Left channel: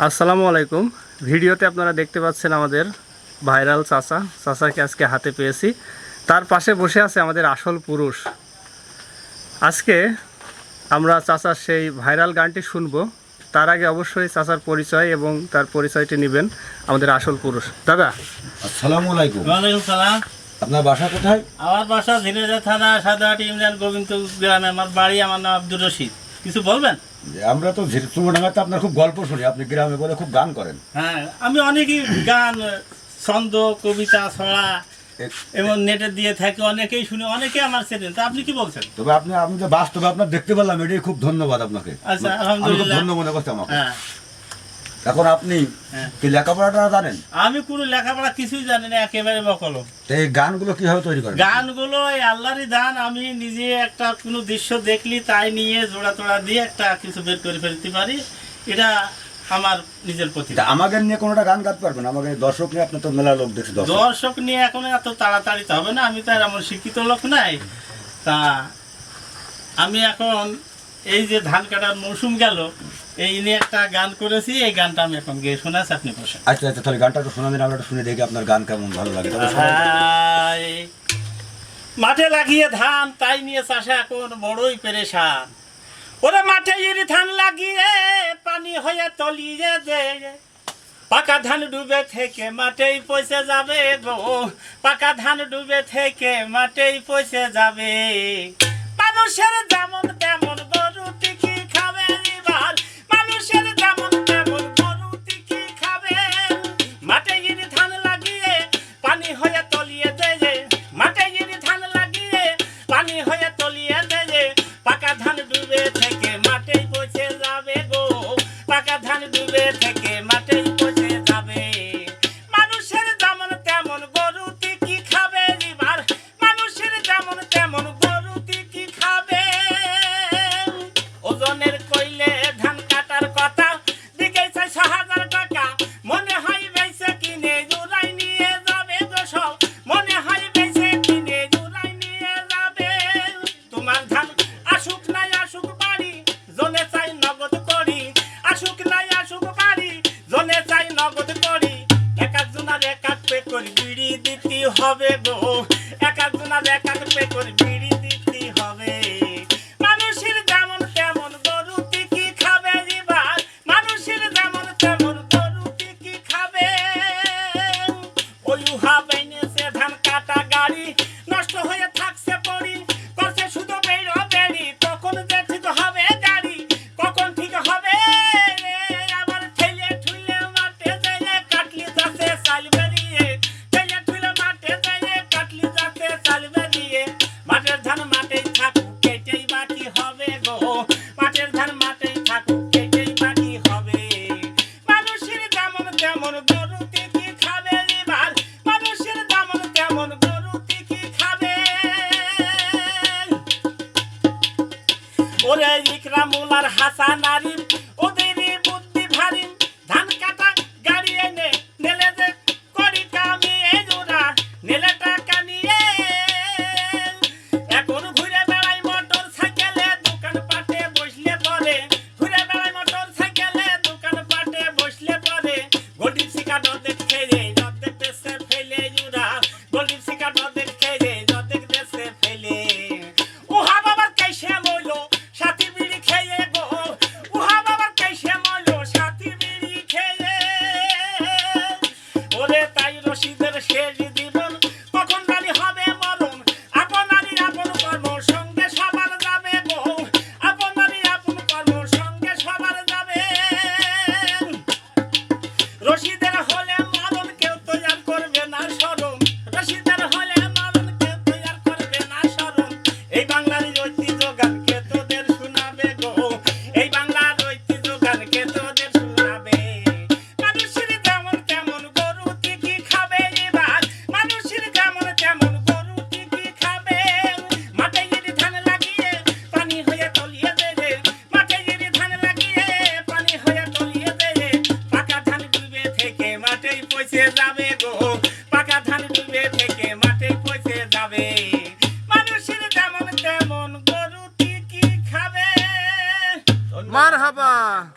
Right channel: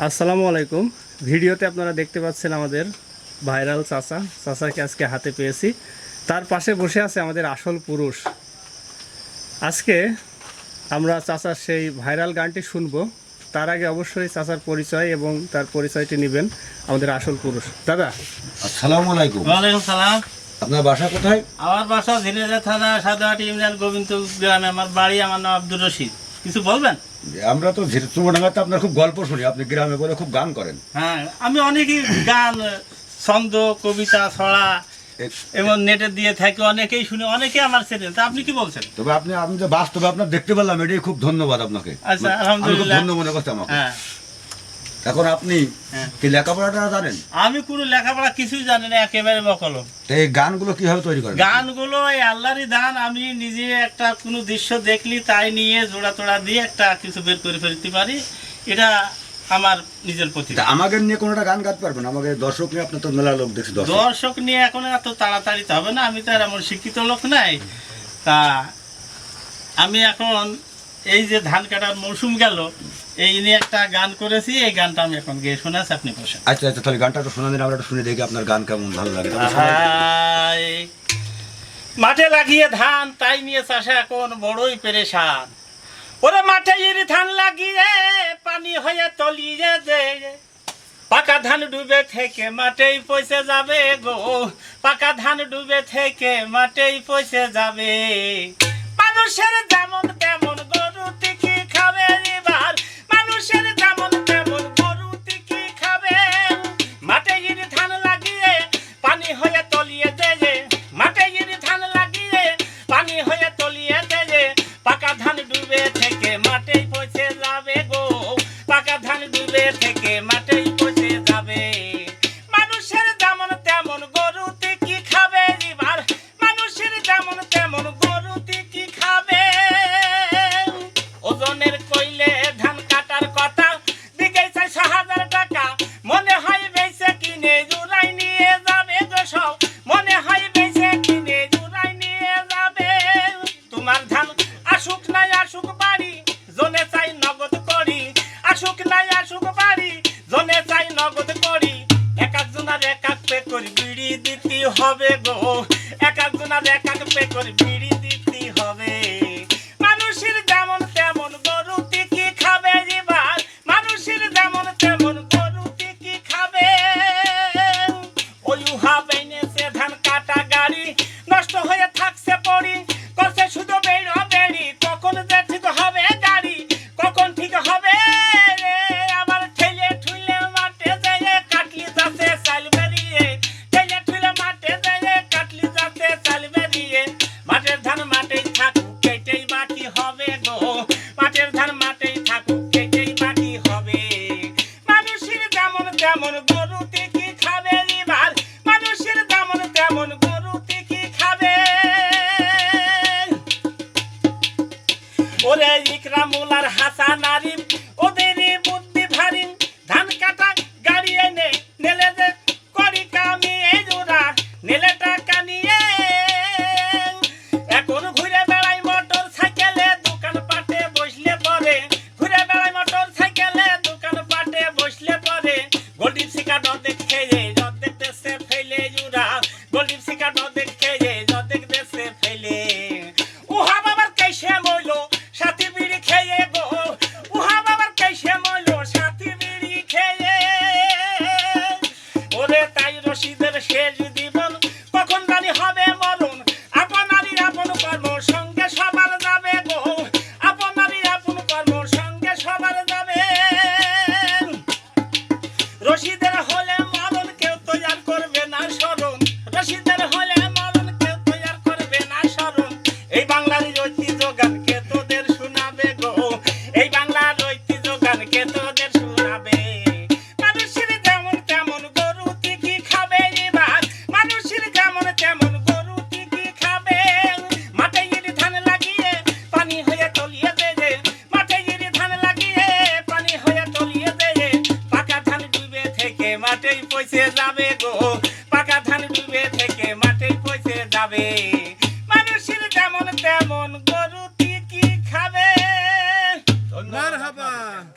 আসসালামু আলাইকুম। ভিডিওতে আপনারা দেখতে পাচ্ছেন আমাদের ভাইরাল চাচাকে আজকে হাতে পেয়েছি। তার পাশে বসে আছে আমাদের আসল পুরুষ। আজকে আমরা চাচার সেই ভাইরাল গানটি শুনবো। তার আগে অবশ্যই চাচার পরিচয় এবং তার পরিচয়টি নেবেন আমাদের আসল পুরুষ। দাদা আসসালামু আলাইকুম। ওয়ালাইকুম সালাম। আপনার বাসা কোথায়? আমার বাসা ঝিনেজা থানা সাদাহাটি ইউনিয়ন গোবিন্দপুর গ্রামে। আমার বাড়ি, আমার নাম আব্দুর রশিদ। কিছু বলবেন? আমরা তো চুয়াডাঙ্গাতে আপনার খুব গল্প শুনি, আপনি গ্রামে বলে খুব গান করেন। হ্যাঁ, আমি অনেকই গান, ছন্দ, কবিতা, ছড়া এবং নেটে দিয়ে থাকি, অনেকেই শুনি, অনেকেই আমার চেনেন। তা আপনি কি বলছেন? তবে আমি যে বাস্তবে আপনার দেখতে পেলাম, এটাই খুব ধন্যবাদ আপনাকে। আচ্ছা, আমি খুব আলহামদুলিল্লাহ। ধন্য মনে করছি আমাকে। হ্যাঁ, এখন আপনি কি লেখাপড়াটা জানেন? আমি কোনো লেখাপড়া কিছুই জানি না, একেবারে বকলম। তো এই গানগুলো কিভাবে তৈরি করেন? গানগুলো এই আল্লাহরই দান। আমি নিজে একটা কোনো দৃশ্য দেখলি তাই নিয়ে জোড়া তোড়া দিয়ে একটা কিছু বের করে ফেলতে পারি। এটা আমার নিজের প্রতি। তা আমাকে নিয়ে কোনোটা গান গাইতে পারবেন? আমাকে দর্শক নিয়ে, আপনার তো মেলা লোক দেখছি। দর্শক নিয়ে এখন এত তাড়াতাড়ি তো হবে না, আমি তো আর এমন শিক্ষিত লোক নাই। তা আমি এখন এই যে ধান কাটার মৌসুম গেল, এই নিয়ে একটা গান করেছি। এই গানটা আমি এখন গিয়ে শোনাচ্ছি, আপনি বসেন। আচ্ছা আচ্ছা, তাহলে গানটা একটু শোনা দিন, আমরা একটু শুনে দেখি আপনার গান কেমন ভালো লাগে। হায়, মাঠে লাগিয়ে ধান, তাই নিয়ে চাষা এখন বড়ই পেরেশান। ওরে মাঠে ইরি ধান লাগিয়ে পানি হয়ে তলিয়ে দে, পাকা ধান ডুবে থেকে মাঠেই পয়সে যাবে গো, পাকা ধান ডুবে থেকে মাঠেই পয়সে যাবে। মানুষের যেমন তেমন গরু কি খাবে এবার, মানুষের যেমন তেমন গরু কি খাবে। মাঠে ইরি ধান লাগিয়ে পানি হয়ে তলিয়ে দে, মাঠে ইরি ধান লাগিয়ে পানি হয়ে তলিয়ে দে, পাকা ধান ডুবে থেকে মাঠেই পয়সে যাবে গো, পাকা ধান ডুবে থেকে মাঠেই পয়সে যাবে। মানুষের যেমন তেমন গরু কি খাবে এবার, মানুষের যেমন তেমন গরু কি খাবে। ওজনের কইলে ধান কাটার কথা, দিকে 6,000 টাকা, মনে হয় বেঁচে কিনে জুড়াই নিয়ে যাবে গো সব, মনে হয় বেঁচে কিনে জুড়াই নিয়ে যাবে। তোমার ধান আসুক নাই আসুক বাড়ি, জনে চাই নগদ করি, আসুক নাই আসুক বাড়ি, জনে চাই নগদ করি। এক একজনের এক এক পে করে বিড়ি দিতে হবে গো, এক একজনের এক এক পে করে বিড়ি দিতে হবে। মানুষের যেমন তেমন গরু কি খাবে এবার, মানুষের যেমন তেমন গরু কি খাবে। ওই উহা বেনেছে ধান কাটা গাড়ি, নষ্ট হয়ে থাকছে পড়ি, করছে শুধু বেড়া বেড়ি, কখন যে ঠিক হবে গাড়ি, কখন ঠিক হবে রে। আবার ঠেলে ঠুলে মাঠে যেয়ে কাটলি যাচ্ছে চাল বেরিয়ে, ঠেলে ঠুলে মাঠে যেয়ে কাটলি যাচ্ছে চাল বেরিয়ে। মাঠের ধান মাঠেই থাকুক, কেটেই বাকি হবে গো, মাঠের ধান মাঠেই থাকুক, কেটেই বাকি হবে। মানুষের যেমন তেমন গরু কি খাবে এবার, মানুষের যেমন তেমন গরু কি খাবে। ওরে ইকরামুল আর হাসান আরিম, ওদেরই বুদ্ধি ভারী, ধান কাটা গাড়ি এনে নেলে যে করি কামি জোড়া, নেলে টাকা নিয়ে এখন ঘুরে বেড়াই মোটর সাইকেলে, দোকান পাটে বসলে পরে, ঘুরে বেড়াই মোটর সাইকেলে, দোকান পাটে বসলে পরে। গোল্ডির শিকার দেখে অর্ধেক দেশে ফেলে জোড়া, গোল্ডির শিকার দেখে অর্ধেক দেশে ফেলে। উহা বাবার কাইসে মইলো সাথী বিড়ি খেয়ে গো, উহা বাবার কাইসে মইলো সাথী বিড়ি খেয়ে। ওরে তাই রশিদের শেষ জীবন, কখন জানি হবে মরণ, আপনারই আপন কর্ম সঙ্গে সবার যাবে গো, আপনারই আপন কর্ম সঙ্গে সবার যাবে। রশিদের হলে মরণ কেউ তৈয়ার করবে না স্মরণ, রশিদের হলে মরণ কেউ তৈয়ার করবে না স্মরণ। এই বাংলার ঐতিহ্য গান কে তোদের শোনাবে গো, এই বাংলার ঐতিহ্য গান কে তোদের শোনাবে। মানুষের যেমন তেমন গরু কি খাবে এবার, মানুষের যেমন তেমন গরু কি খাবে। মাঠে ইরি ধান লাগিয়ে পানি হয়ে তলিয়ে দেবে, মাঠে ইরি ধান লাগিয়ে পানি হয়ে তলিয়ে দেবে, পাকা ধান ডুবে থেকে মাঠেই পয়সে যাবে গো, পাকা ধান ডুবে থেকে মাঠেই পয়সে যাবে।